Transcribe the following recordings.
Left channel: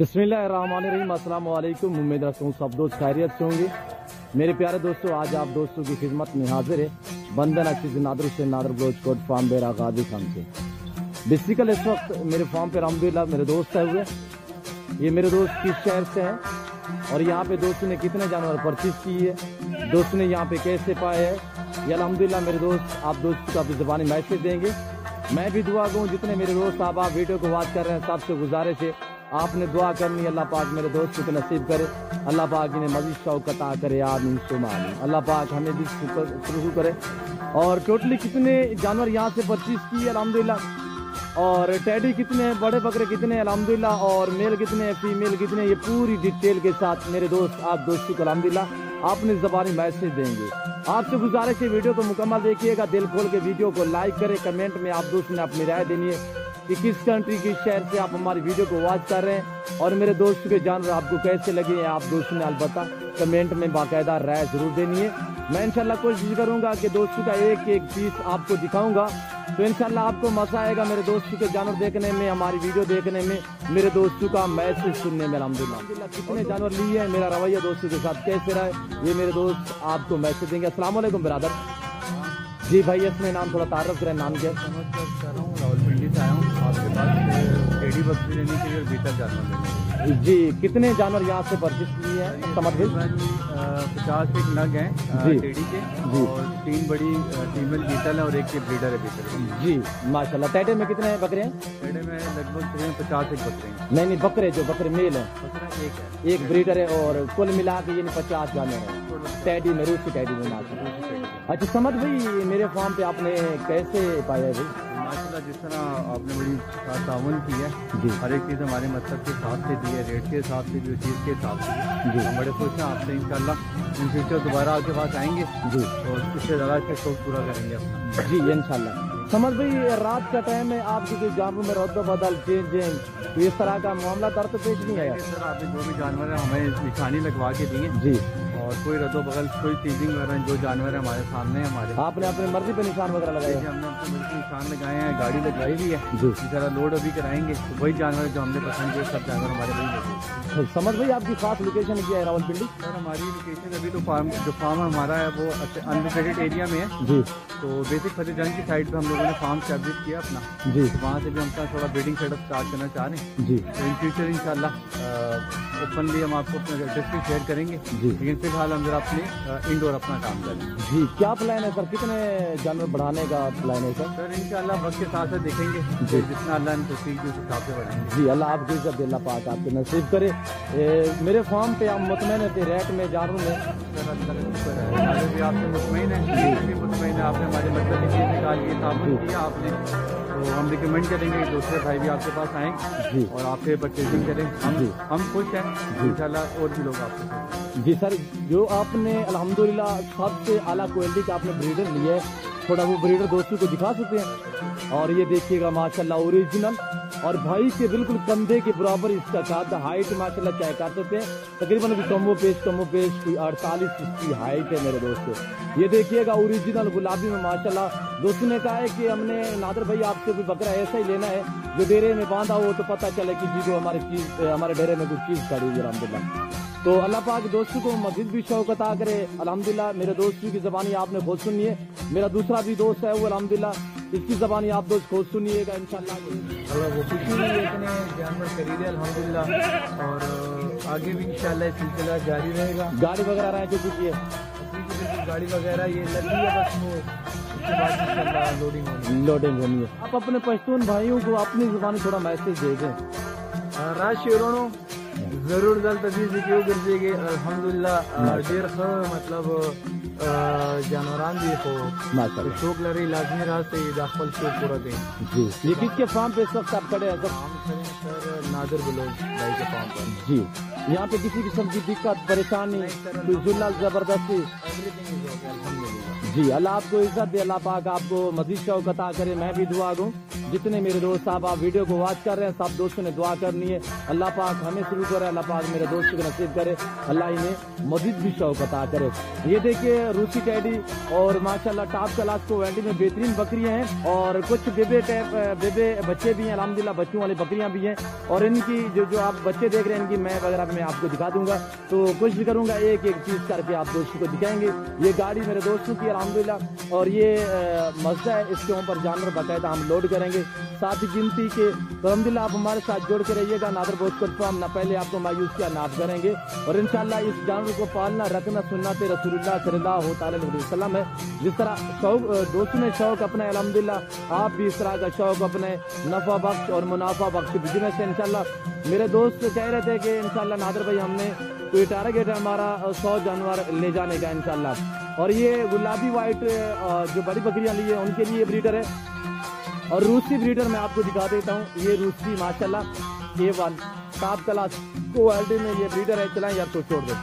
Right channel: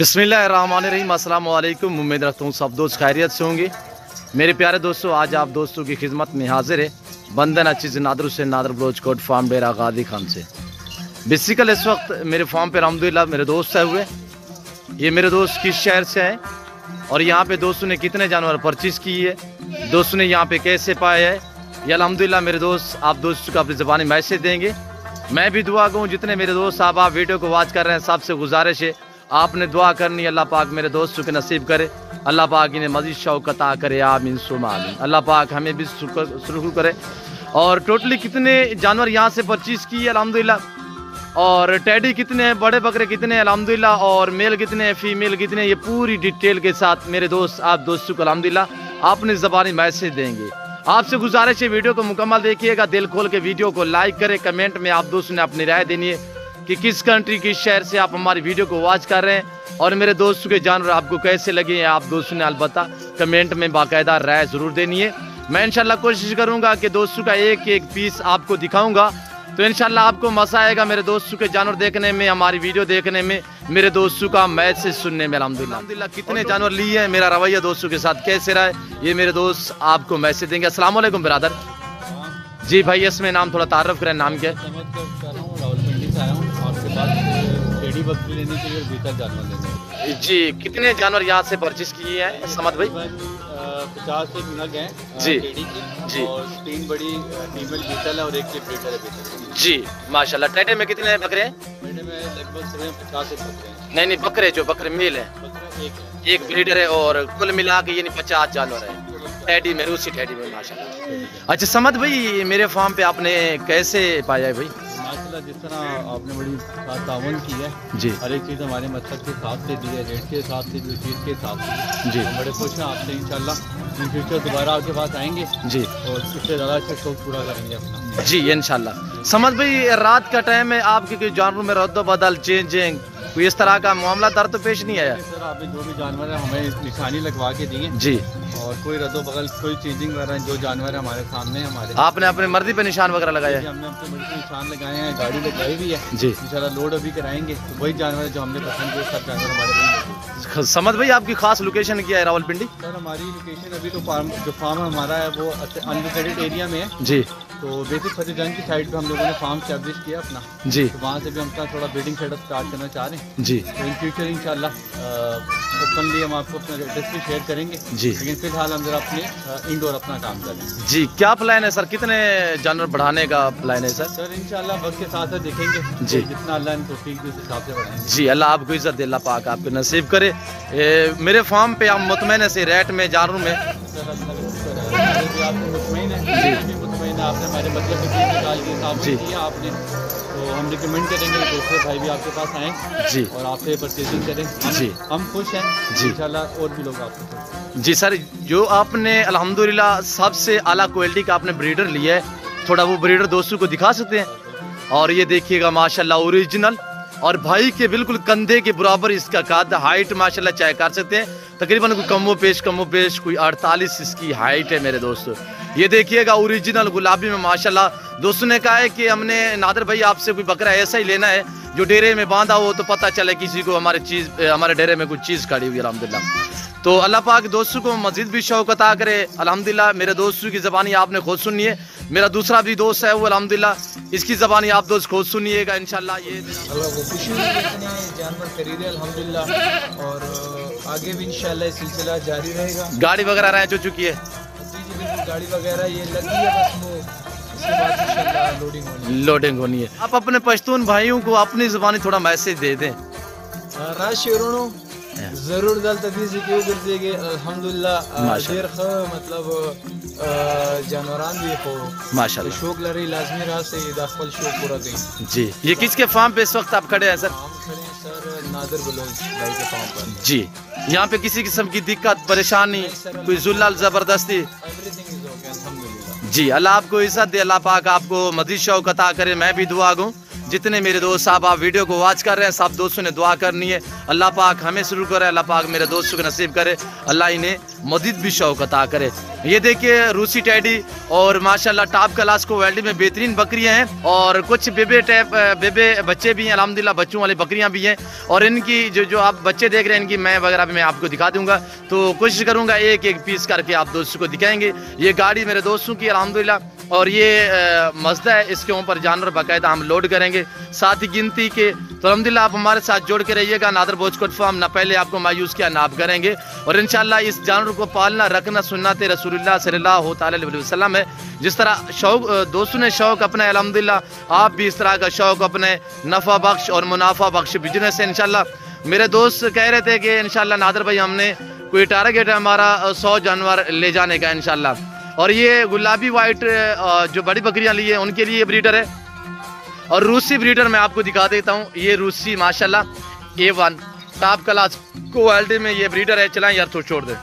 बिस्मिल्लाहिर्रहमानिर्रहीम, अस्सलाम वालेकुम। उम्मीद रखता हूँ सब दोस्त खैरियत से होंगे। मेरे प्यारे दोस्तों, आज आप दोस्तों की खिदमत में हाजिर है बंदन अचीज़ नादर हुसैन नादर बलोच कोट फार्म डेरा गादी खान से। बेसिकल इस वक्त मेरे फार्म पे अल्हम्दुलिल्लाह मेरे दोस्त आए हुए। ये मेरे दोस्त किस शहर से हैं और यहाँ पे दोस्तों ने कितने जानवर परचेज़ की है, दोस्तों ने यहाँ पे कैसे पाए है, ये अल्हम्दुलिल्लाह मेरे दोस्त आप दोस्तों को अपनी ज़बानी मैसेज देंगे। मैं भी दुआ करूँ जितने मेरे दोस्त आप वीडियो को वॉच कर रहे हैं, सबसे गुजारिश है आपने दुआ करनी, अल्लाह पाक मेरे दोस्तों के नसीब करे, अल्लाह पाक इन्हें मज़ीद शौक़ अता करे, आमीन सुम्मा आमीन। अल्लाह पाक हमें भी शुरू करे। और टोटली कितने जानवर यहाँ से परचेज़ की है अल्हम्दुलिल्लाह, और टैडी कितने हैं, बड़े बकरे कितने हैं अल्हम्दुलिल्लाह, और मेल कितने हैं, फीमेल कितने हैं, ये पूरी डिटेल के साथ मेरे दोस्त आप दोस्तों को अल्हम्दुलिल्लाह अपनी ज़बानी मैसेज देंगे। आपसे गुजारिश है वीडियो को मुकम्मल देखिएगा, दिल खोल के वीडियो को लाइक करें, कमेंट में आप दोस्तों ने अपनी राय देनी है कि किस कंट्री किस शहर से आप हमारी वीडियो को वॉच कर रहे हैं और मेरे दोस्तों के जानवर आपको कैसे लगे हैं, आप दोस्तों ने अलबत्ता कमेंट में बाकायदा राय ज़रूर देनी है। मैं इंशाल्लाह कोशिश करूंगा कि दोस्तों का एक एक पीस आपको दिखाऊंगा, तो इंशाल्लाह आपको मज़ा आएगा मेरे दोस्तों के जानवर देखने में, हमारी वीडियो देखने में, मेरे दोस्तों का मैसेज सुनने में। अल्हम्दुलिल्लाह कितने जानवर लिए हैं, मेरा रवैया दोस्तों के साथ कैसे रहा है, ये मेरे दोस्त आपको मैसेज देंगे। अस्सलाम वालेकुम ब्रदर। जी भाई, इसमें नाम थोड़ा तारुफ करें, नाम क्या है? रावलपिंडी से आया हूँ आपके पास टेडी बकरी लेने के लिए, बीटा जानवर लेने जी। कितने जानवर यहाँ से परचेज किए हैं समद भाई? 50 एक नग हैं जी टेडी के जी, और 3 बड़ी फीमेल बीटल है और एक के ब्रीडर है बीटल जी माशाल्लाह। टेटे में कितने बकरे हैं? टेडी में लगभग 50 एक बकरे हैं। नहीं बकरे जो बकरे मेल हैं, बकरा एक है, एक ब्रीडर है, और कुल मिला के यानी 50 जानवर है टैडी में, रूसी टैडी में माशाल्लाह। अच्छा समद भाई, मेरे फार्म पे आपने कैसे पाया है भाई? माशाल्लाह जिस तरह आपने बड़ी तावन की है जी, हर एक चीज़ हमारे मतलब के हिसाब से दी है, रेट के हिसाब से भी, चीज़ के हिसाब से जी। हम बड़े खुश हैं आपसे। इंशाल्लाह इन फ्यूचर दोबारा आपके पास आएंगे जी और इससे ज़्यादा अच्छा शौक पूरा करेंगे अपना। जी इंशाल्लाह। समझ भाई, रात का टाइम है, आपके कोई जानवर में रद्द बदल चेंजिंग कोई इस तरह का मामला दर तो पेश नहीं आया? सर आपने जो भी जानवर है हमें निशानी लगवा के दी है जी, और कोई रद्दो बगल कोई चीजिंग वगैरह जो जानवर है हमारे सामने है, हमारे आपने अपनी मर्जी पे निशान वगैरह लगाया है? हमने अपने मर्जी निशान लगाए हैं, गाड़ी लगाई भी है जी। इंशाल्लाह लोड अभी कराएंगे, तो वही जानवर जो हमने पसंद किए सब जानवर हमारे वही लगे। समझ भाई, आपकी खास लोकेशन क्या है रावलपिंडी? सर हमारी लोकेशन अभी तो फार्म हमारा है वो अनलिमिटेड एरिया में है, जी तो बेसिक फतेहजंग की साइड पे हम लोगों ने फार्म स्टैब्लिश किया अपना, जी तो वहाँ से भी हम थोड़ा ब्रीडिंग सेटअप स्टार्ट करना चाह रहे हैं। जी तो इन फ्यूचर इंशाल्लाह ओपनली हम आपको अपना एड्रेस भी शेयर करेंगे जी। लेकिन फिलहाल हम जरा अपने इंडोर अपना काम करें। जी, क्या प्लान है सर, कितने जानवर बढ़ाने का प्लान है सर? सर इंशाल्लाह वक्त के साथ साथ देखेंगे जी। जितना अल्लाह ने तौफीक दी उस हिसाब से बढ़ाएंगे। जी, अल्लाह आपको इज्जत दे, अल्लाह पाक आपको नसीब करे। मेरे फार्म पे आप मुतमैन से रेट में जानवर में? सर अल्लाह का शुक्र है, हमारे भी आपसे मुतमईन है, जी भी मुतमईन है, आपने हमारे मतलब की चीज़ निकाल के सामने जी। किया आपने, तो हम रिकमेंड करेंगे कि दूसरे भाई भी आपके पास आएँ जी और आपसे परचेजिंग करें। जी। हम खुश हैं जी। इंशाल्लाह और भी लोग आपसे खुश हैं। जी सर, जो आपने अल्हम्दुलिल्लाह सबसे आला क्वालिटी का आपने ब्रीडर लिया है, थोड़ा वो ब्रीडर दोस्तों को दिखा सकते हैं? और ये देखिएगा माशाल्लाह ओरिजिनल, और भाई के बिल्कुल कंधे के बराबर इसका कद, हाइट माशाल्लाह चेक कर सकते हैं, तकरीबन कोई कमो पेश कोई 48 इसकी हाइट है मेरे दोस्तों। ये देखिएगा ओरिजिनल गुलाबी में माशाल्लाह। दोस्तों ने कहा है कि हमने नादर भाई आपसे कोई बकरा ऐसा ही लेना है जो डेरे में बांधा हो, तो पता चले किसी को हमारे डेरे में कुछ चीज़ खड़ी हुई है अल्हम्दुलिल्लाह। तो अल्लाह पाक दोस्तों को मज़ीद भी शौक़ अता करे अल्हम्दुलिल्लाह। मेरे दोस्तों की ज़बानी आपने खुद सुनी है, मेरा दूसरा भी दोस्त है वो अल्हम्दुलिल्लाह इसकी ज़बानी आप दोस्त खुद सुनिएगा इंशाल्लाह। ये अल्लाह वो खुशी हुई है, इतने जानवर खरीदे अल्हम्दुलिल्लाह, और आगे भी इंशाल्लाह सिलसिला जारी रहेगा। गाड़ी वगैरह रह चुकी है? जी बिल्कुल, गाड़ी वगैरह ये लगी है, बस वो इसके बाद इंशाल्लाह लोडिंग होनी है। आप अपने पश्तून भाइयों को अपनी ज़बानी थोड़ा मैसेज दे दें। राज शेरोनो ज़रूर दल तदीज़ क्यों गिरजेगे अल्हम्दुलिल्लाह देर ख मतलब जानवरान भी हो माशाल्लाह, शौक लरी लाजमी रहा से दाखिल शौक पूरा दें। जी। ये किसके फार्म पे इस वक्त आप खड़े हैं सर? हम खड़े हैं सर नादर बलोच भाई के फार्म पर। जी, यहाँ पे किसी किस्म की दिक्कत परेशानी कोई जुल्लल ज़बरदस्ती? एवरीथिंग इज ओके अल्हम्दुलिल्लाह। जी, अल्लाह आपको इज्जत दे, अल्लाह पाक आपको मज़ीद शौक़ अता करे। मैं भी दुआ दूँ जितने मेरे दोस्त साहब आप वीडियो को वॉच कर रहे हैं, सब दोस्तों ने दुआ करनी है। अल्लाह पाक हमें शुरू करे, अल्लाह पाक मेरे दोस्तों को नसीब करे, अल्लाह इन्हें मज़ीद भी शौक़ अता करे। ये देखिए रूसी टैडी और माशाल्लाह टॉप क्लास क्वालिटी में बेहतरीन बकरियां हैं और कुछ बेबे बच्चे भी हैं, अल्हम्दुलिल्लाह बच्चों वाली बकरियां भी हैं। और इनकी जो आप बच्चे देख रहे हैं इनकी मैं वगैरह भी मैं आपको दिखा दूंगा, तो कोशिश करूंगा एक एक पीस करके आप दोस्तों को दिखाएंगे। ये गाड़ी मेरे दोस्तों की अल्हम्दुलिल्लाह और ये मज़दा है, इसके ऊपर जानवर बाकायदा हम लोड करेंगे साथ ही गिनती के। तो अल्हम्दुलिल्लाह आप हमारे साथ जोड़ के रहिएगा। नादर बोचकोट फार्म ना पहले आपको मायूस किया ना आप करेंगे। और इंशाल्लाह इस जानवर को पालना रखना सुन्नत रसूलुल्लाह सल्लल्लाहु अलैहि वसल्लम है। जिस तरह शौक दोस्तों ने शौक अपना अल्हम्दुलिल्लाह आप भी इस तरह का शौक अपने, नफ़ा बख्श और मुनाफा बख्श बिजनेस है इंशाल्लाह। मेरे दोस्त कह रहे थे कि इंशाल्लाह नादर भाई हमने कोई टारगेट है हमारा 100 जानवर ले जाने का इंशाल्लाह। और ये गुलाबी वाइट जो बड़ी बकरियां ली है उनके लिए ब्रीडर है। और रूसी ब्रीडर मैं आपको दिखा देता हूँ, ये रूसी माशाल्लाह A1 टॉप क्लास क्वालिटी में ये ब्रीडर है। चलाएं यार तो छोड़ दे।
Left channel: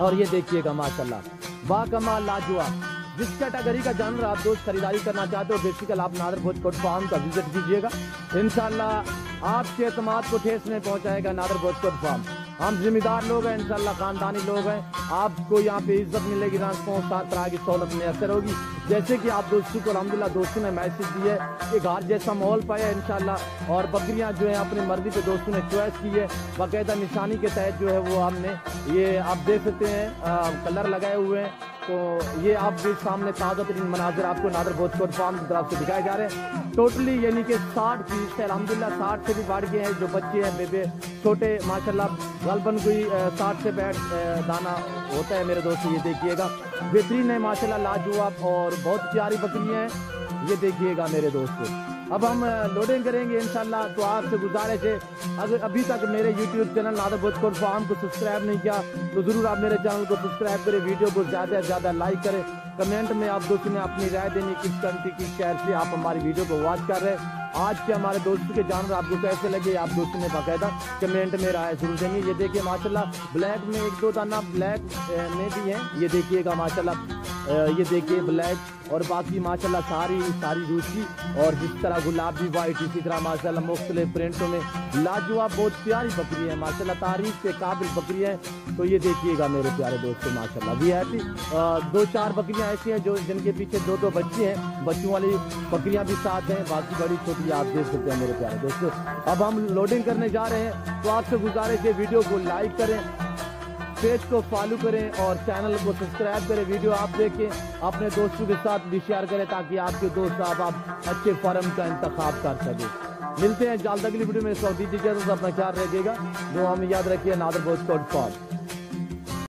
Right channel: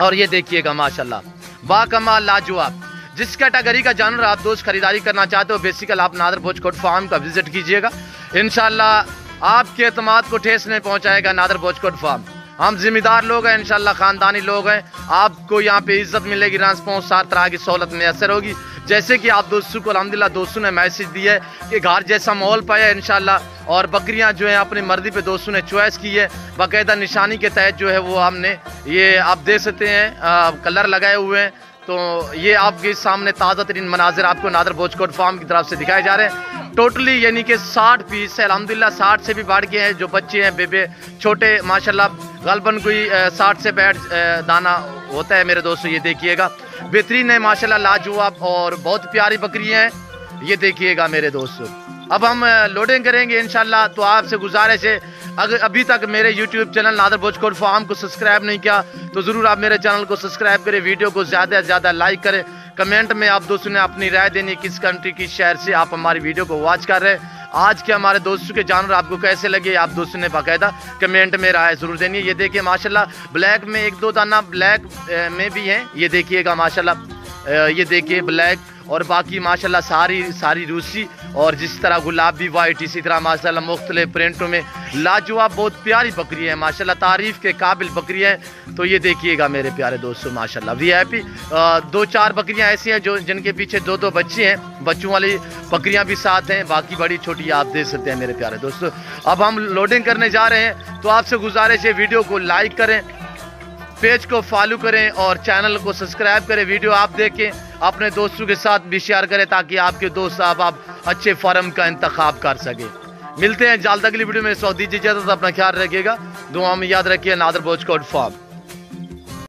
और ये देखिएगा माशाल्लाह बाकमाल लाजवाब। जिस कैटेगरी का जानवर आप दोस्त खरीदारी करना चाहते हो बेसिकल आप नादर बोचकोट फार्म का विजिट कीजिएगा। इंशाल्लाह आपके एतमाद को ठेस नहीं पहुंचाएगा नादर बोचकोट फार्म। हम जिम्मेदार लोग हैं इंशाल्लाह, खानदानी लोग हैं। आपको यहाँ पे इज्जत मिलेगी, ट्रांसपोर्ट हर तरह की सहूलत मैसर होगी। जैसे कि आप दोस्तों को अल्हम्दुलिल्लाह दोस्तों ने मैसेज दिया है कि घर जैसा माहौल पाया है इंशाल्लाह। और बकरियां जो है अपनी मर्जी पे दोस्तों ने चॉइस की है, बाकायदा निशानी के तहत जो है वो हमने ये आप देख सकते हैं कलर लगाए हुए हैं। तो ये आपके सामने ताज़ा तरीन मनाजिर आपको नादर बोचकोट फार्म की तरफ से दिखाए जा रहे हैं। टोटली यानी कि 60 पीस है अल्हम्दुलिल्लाह, 60 से भी बढ़ गए हैं। जो बच्चे हैं बेबे छोटे माशाल्लाह गलबन कोई 60 से 65 दाना होता है मेरे दोस्तों। ये देखिएगा बेहतरीन है माशाल्लाह लाजवाब और बहुत प्यारी बकरियां हैं। ये देखिएगा मेरे दोस्तों। अब हम लोडिंग करेंगे इंशाल्लाह। तो आपसे गुजारिश है अगर अभी तक मेरे YouTube चैनल नादर बोचकोट फार्म को सब्सक्राइब नहीं किया तो ज़रूर आप मेरे चैनल को सब्सक्राइब करें, वीडियो को ज़्यादा से ज़्यादा लाइक करें। कमेंट में आप दोस्तों ने अपनी राय देनी किस कंट्री की शहर से आप हमारी वीडियो को वॉच कर रहे हैं। आज के हमारे दोस्तों के जानवर आपको कैसे लगे आप दोस्तों ने बाकायदा कमेंट में राय ज़रूर देनी है। ये देखिए माशाल्लाह ब्लैक में 1-2 दाना ब्लैक में भी हैं। ये देखिएगा माशाल्लाह, ये देखिए ब्लैक और बाकी माशाल्लाह सारी रूसी और जिस तरह गुलाबी वाइट इसी तरह माशाल्लाह मुख्तलिफ प्रिंटों में लाजवाब बहुत प्यारी बकरी है माशाल्लाह, तारीफ़ के काबिल बकरी है। तो ये देखिएगा मेरे प्यारे दोस्तों माशाल्लाह VIP 2-4 बकरियां ऐसी हैं जो जिनके पीछे 2-2 बच्चे हैं, बच्चों वाली बकरियां भी साथ हैं, बाकी बड़ी छोटी आप देख सकते हैं मेरे प्यारे दोस्तों। अब हम लोडिंग करने जा रहे हैं। तो आपसे गुजारिश है वीडियो को लाइक करें, पेज को फॉलो करें और चैनल को सब्सक्राइब करें। वीडियो आप देखें, अपने दोस्तों के साथ भी शेयर करें ताकि आपके दोस्त साहब आप अच्छे फार्म का इंतखाब कर सकें। मिलते हैं जल्द अगली वीडियो में। इस वक्त दीजिए इजाज़त, अपना ख्याल रखिएगा, दुआ में याद रखिए। नादर बोचकोट फार्म।